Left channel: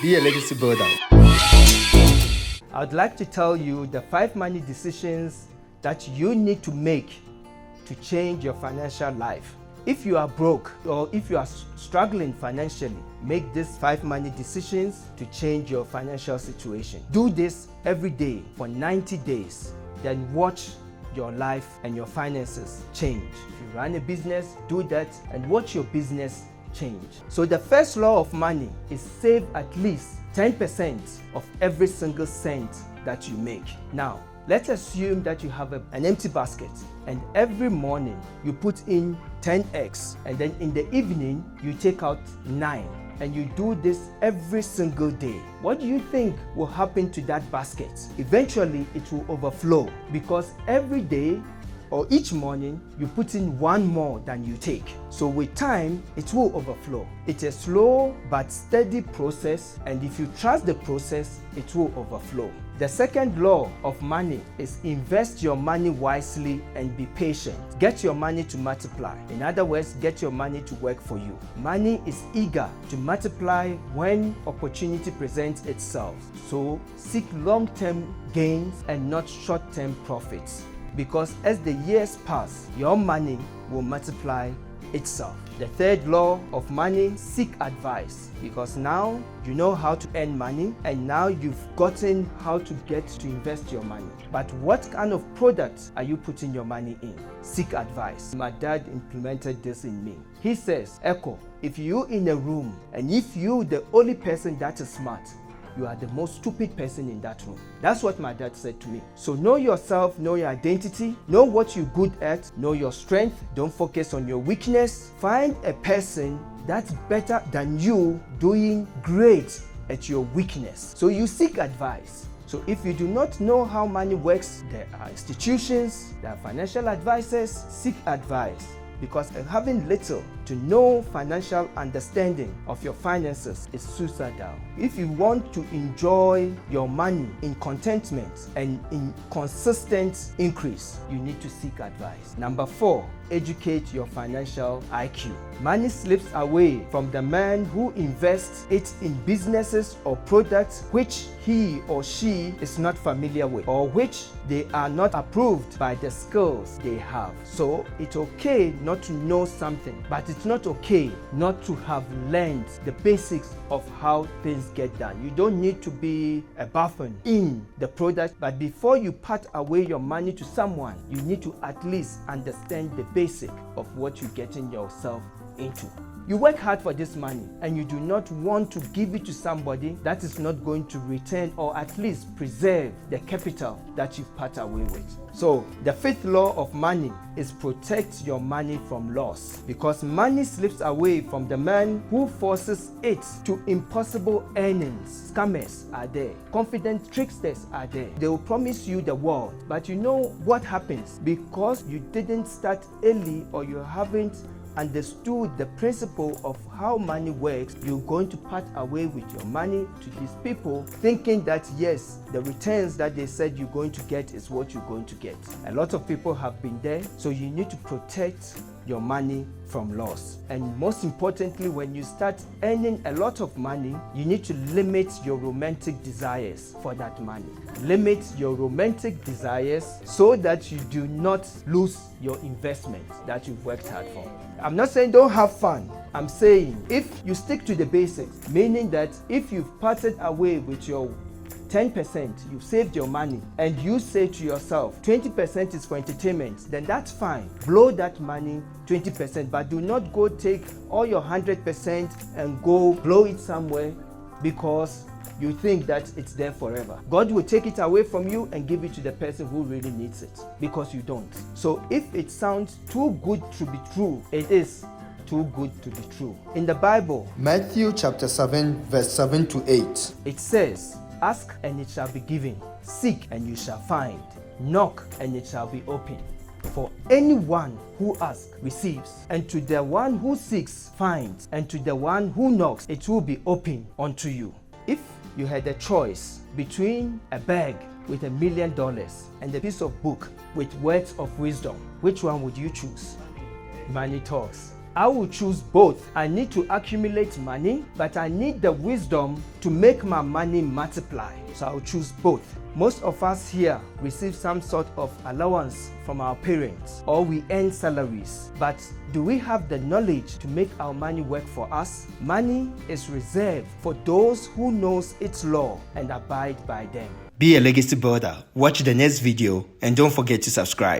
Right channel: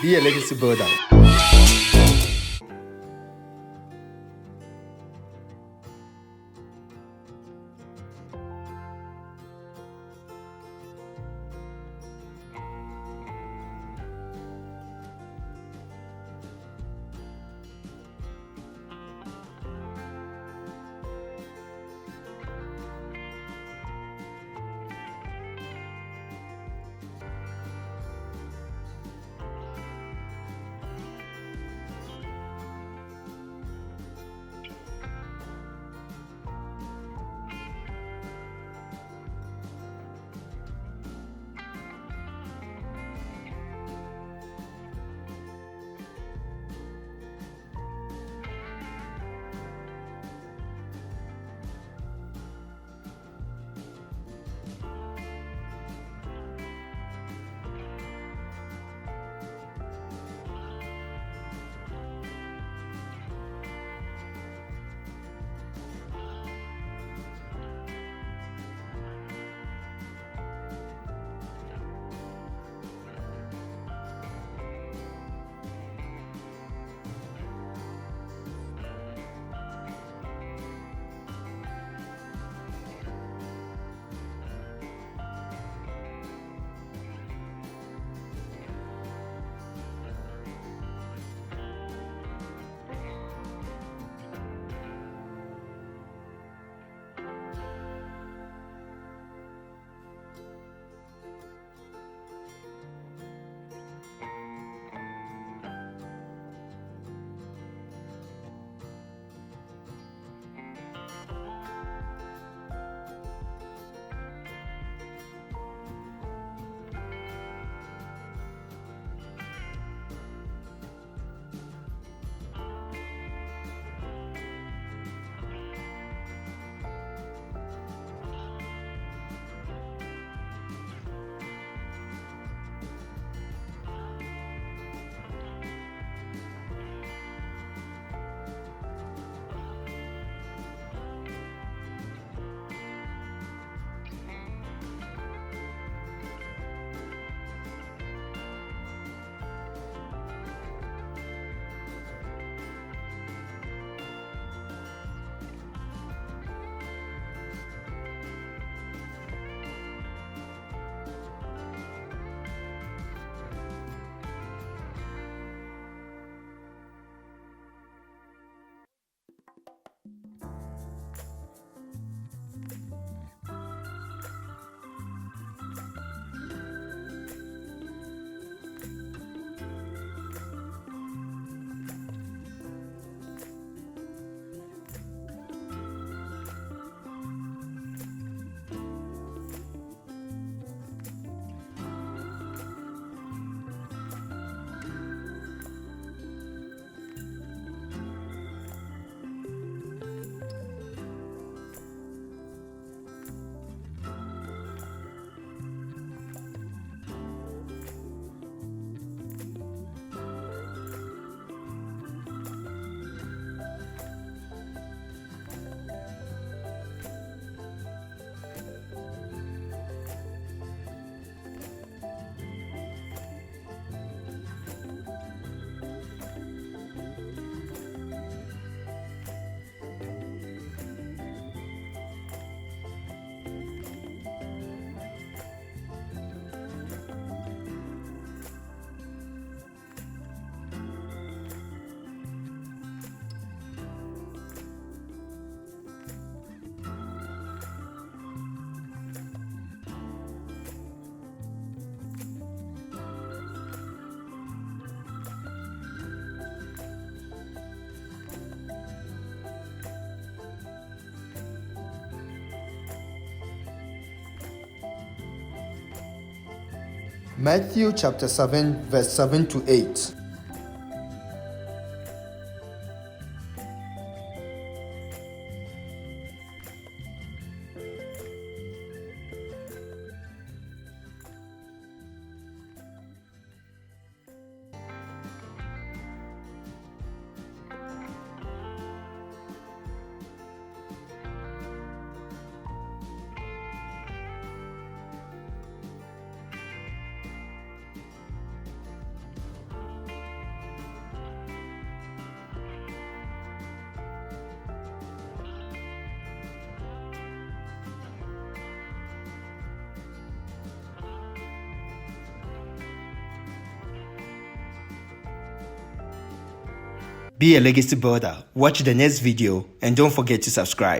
Be a legacy builder. I'd like to tell you the 5 money decisions that you need to make to change your financial life. If you are broke or if you are struggling financially, make these 5 money decisions to change your financial situation. Do this every day for 90 days, then watch your life and your finances change. You run a business, do that and watch your business change. So the first law of money is save at least 10% of every single cent that you make. Now, let's assume that you have an empty basket and every morning you put in 10 eggs and then in the evening you take out 9 and you do this every single day. What do you think will happen to that basket? Eventually it will overflow because every day or each morning you put in 1 more than you take. So with time it will overflow. It's a slow but steady process, and if you trust the process it will overflow. The second law of money is invest your money wisely and be patient. Get your money to multiply. In other words, get your money to work for you. Money is eager to multiply when opportunity presents itself. So seek long-term gains and not short-term profits, because as the years pass, your money will multiply itself. The third law of money, seek advice, because now you know how to earn money and now you've gotten how to get to invest your money. But what kind of products are you putting your money in? Seek advice. My dad implemented this in me. He says, Echo, if you in a room and if you the only person that is smart, you are the most stupid person in that room. That's what my dad said to me. So know yourself, know your identity, know what you're good at, know your strength. Don't focus on your weakness. Find a person that's better than you doing great at your weakness. So you seek advice. So if you do not know how money works, there are institutions, there are financial advisors. Seek advice, because having little to no financial understanding of your finances is suicidal. If you want to enjoy your money in contentment and in consistent increase, you need to seek advice. Number 4, educate your financial IQ. Money slips away from the man who invests it in businesses or products which he or she is not familiar with, or which they are not approved by the skills they have. So it's okay not to know something, but it's not okay not to have learned the basics of how things get done. You don't need to be a buffoon in the product, but before you part away your money to someone, you need to at least understand the basic of what you're getting yourself into. You work hard for this money and you do not want to give it to somebody that is not going to return or at least preserve the capital that you part away with. So the 5th law of money is protect your money from loss, because money slips away from the man who forces it to impossible earnings. Scammers are there, confident tricksters are there. They will promise you the world, but you know what happens? Because you didn't start early or you haven't understood the principle of how money works, you're going to part away with your money to these people, thinking that yes, the returns that they said you're going to get is what you're going to get. A lot of people have been there, so you need to protect your money from loss. And most importantly, when you start earning a lot of money, you need to limit your romantic desires for that money. Limit your romantic desires so that you do not lose your investment that you worked hard for. I'm not saying don't have fun. I'm saying if you stick to the basics, meaning that if you've parted away with your 10%, you've saved your money, and you say to yourself 20% is for entertainment, then that's fine. Blow that money 20%, but do not go take all your 100% and go blow it somewhere because you think that it's there forever. God will take it away from you and give it to the person who really needs it, because you don't. So if it sounds too good to be true, it is too good to be true. In the Bible, Matthew chapter 7 verse 7 to 8. it says, ask and it shall be given, seek and you shall find, knock and it shall be opened. For anyone who asks receives, and to the one who seeks finds, and to the one who knocks it will be opened unto you. If you had a choice between a bag with $1 million and a piece of book with words of wisdom, which one would you choose? Money talks. I will choose both. I need to accumulate money, but I need the wisdom to make my money multiply. So I will choose both. Most of us here receive some sort of allowance from our parents, or we earn salaries. But do we have the knowledge to make our money work for us? Money is reserved for those who knows its law and abide by them. Be a legacy builder. Watch the next video and don't forget to subscribe.